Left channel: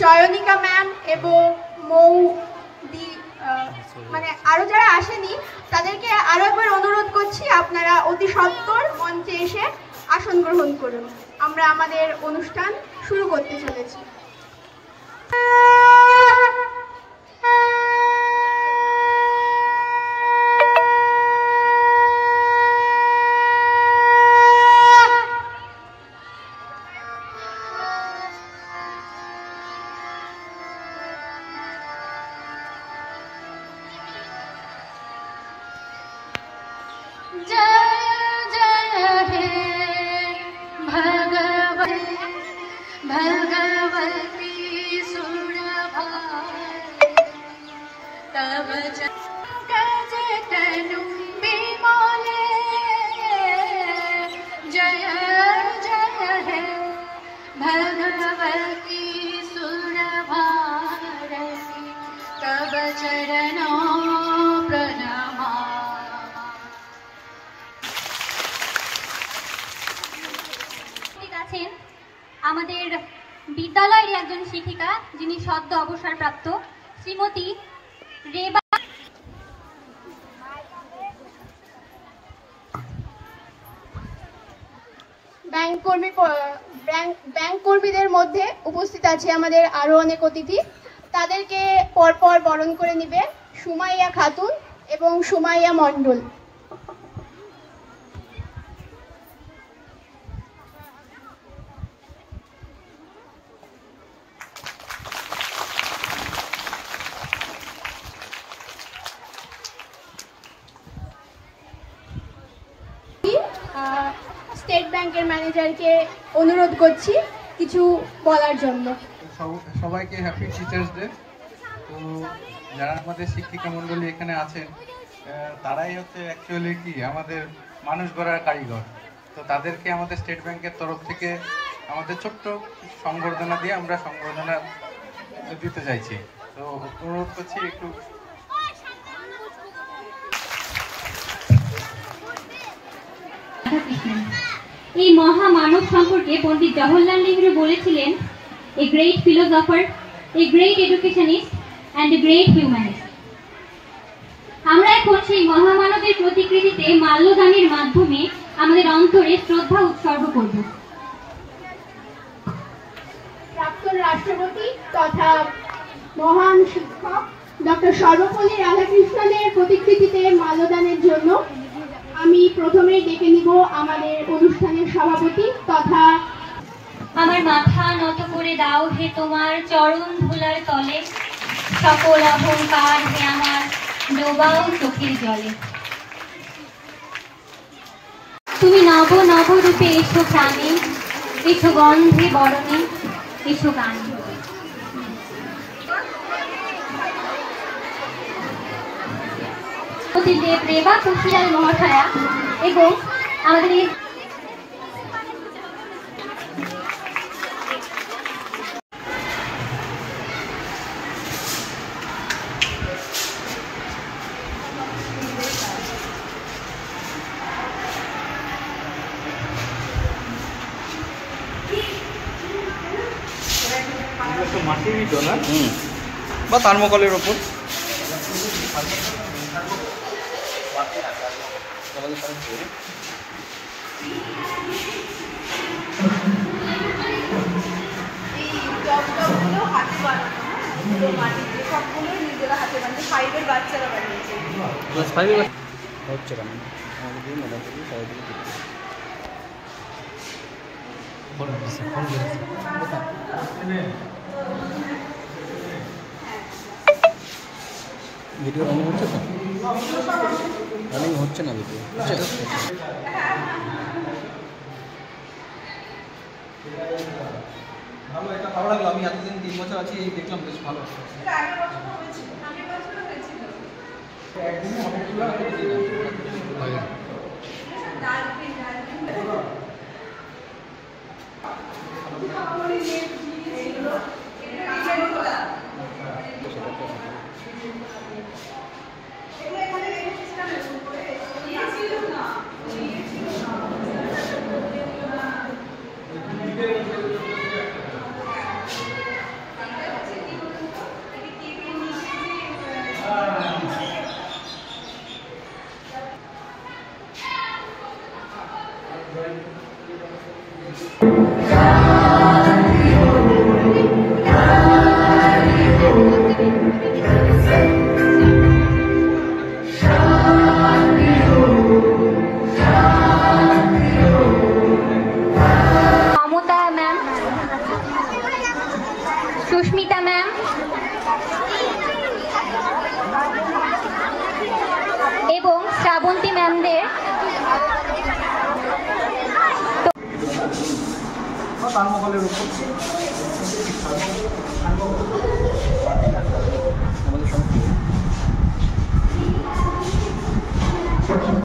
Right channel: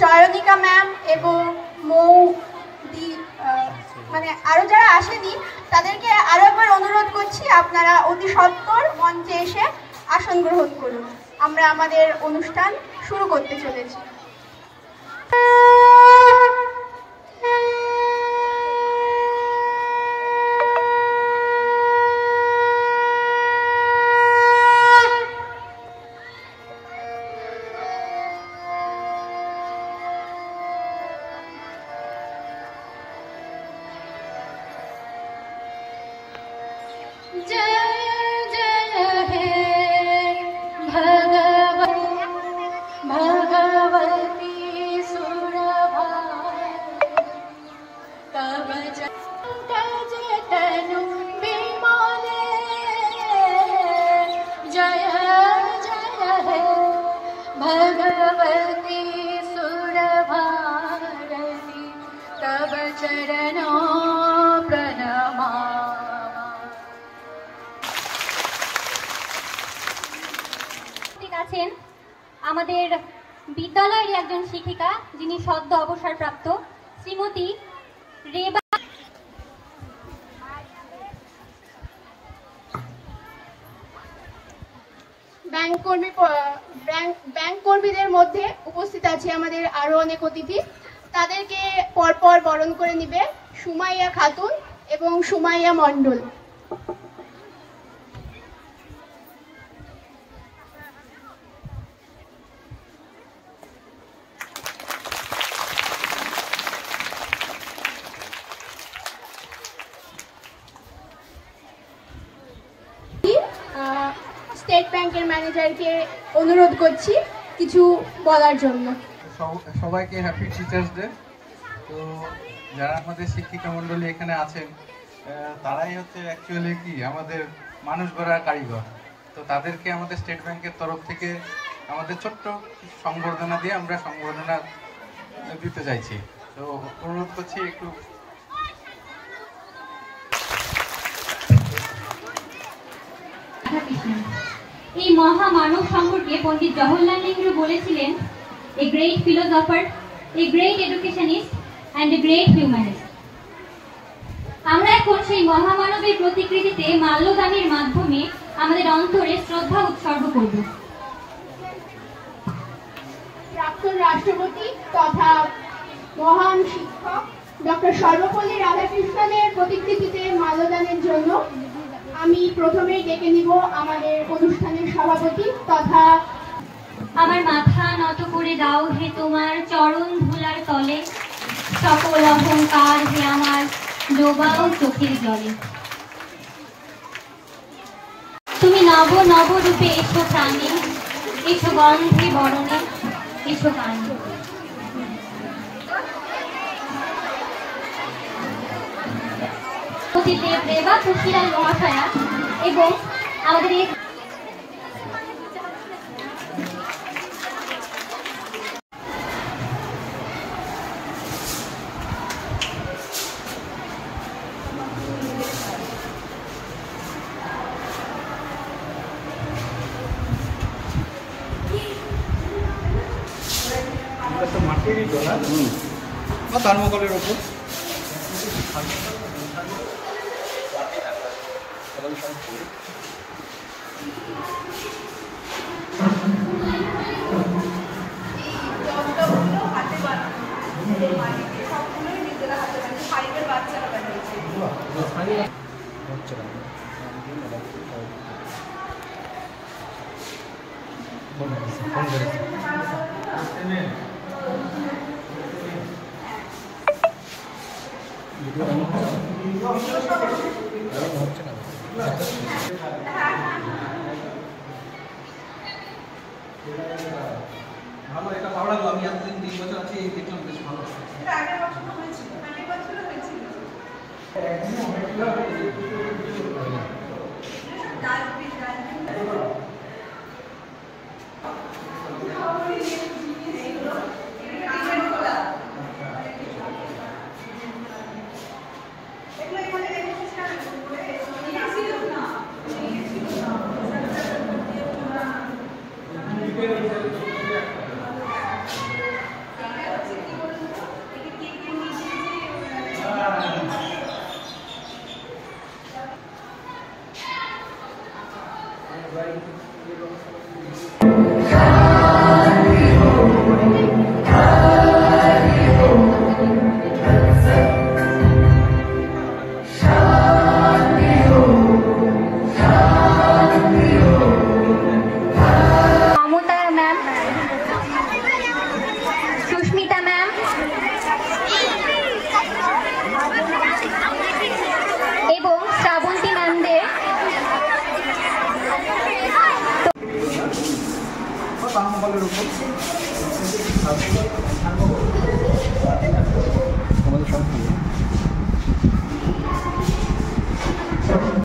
Chayanika ma'am এবং মৌদি মানে আরও যারা আসেনি তাদেরকে আরও একবার অনুরোধ করছি, আপনারা অতি সত্বর মঞ্চে এসে আসন গ্রহণ করুন। আমরা আমাদের অনুষ্ঠান শুরু করতে চলেছি। আমাদের বিদ্যালয়ের একজন শিক্ষিকা যিনি সদ্য অবসরপ্রাপ্ত শ্রীমতী রেবা ব্যাংক কর্মীদের মধ্যে উপস্থিত আছে আমাদের আরো অনেক অতিথি। তাদেরকে পরপর বরণ করে নিবে সুমাইয়া খাতুন এবং সুমাইয়া মণ্ডল। স্টেট ব্যাংকের ম্যানেজারকে অনুরোধ করছি কিছু বলার জন্য। সবাইকে হ্যাপি টিচার্স ডে। তো যারা আমাদের শিক্ষিকা মণ্ডলী এখানে আছেন তারাই হচ্ছে অ্যাকচুয়ালি কি আমাদের মানুষ গড়ার কারিগর। তো তাদেরকে আমাদের স্টেট ব্যাংকের তরফ থেকে আমাদের ছোট্ট সংবর্ধনা দিয়ে আমরা সংবর্ধনা দিতে চাইছি। তো অনুরোধ করছি একটু। এই মহামানব সম্পর্কে পণ্ডিত জওহরলাল নেহরু বলেছিলেন, a great philosopher, a great educationist and a great humanist. আমরা এখন সেই মহামানবের প্রতিকৃতিতে মাল্যদানের মাধ্যমে আমাদের অন্তরে শ্রদ্ধা উৎসর্গ করব। প্রাক্তন রাষ্ট্রপতি তথা মহান শিক্ষক ডক্টর সর্বপল্লী রাধাকৃষ্ণনের প্রতিকৃতিতে মাল্যদানের জন্য আমি প্রথমেই ডেকে নিব আমাদের অনুষ্ঠানের সভাপতি তথা আমার মাথা নত করে দাও হে তোমার চরণ ধুলার তলে, সকল অহংকার হে আমার ডোবাও চোখের জলে। তুমি নব নব রূপে এসো প্রাণে, এসো গন্ধে বরণে, এসো গান। দেব রেবা তুলসীলাল মহাশয়া এবং আমাদের এই বা থার্মোকলের ওপর হচ্ছে না ভালো, এটা ভালো লাগলো। আমি এতদিন 3 বছর আছি, এই দেখলাম বেশ ভালো। ফলাফলের উপর সার্বভৌম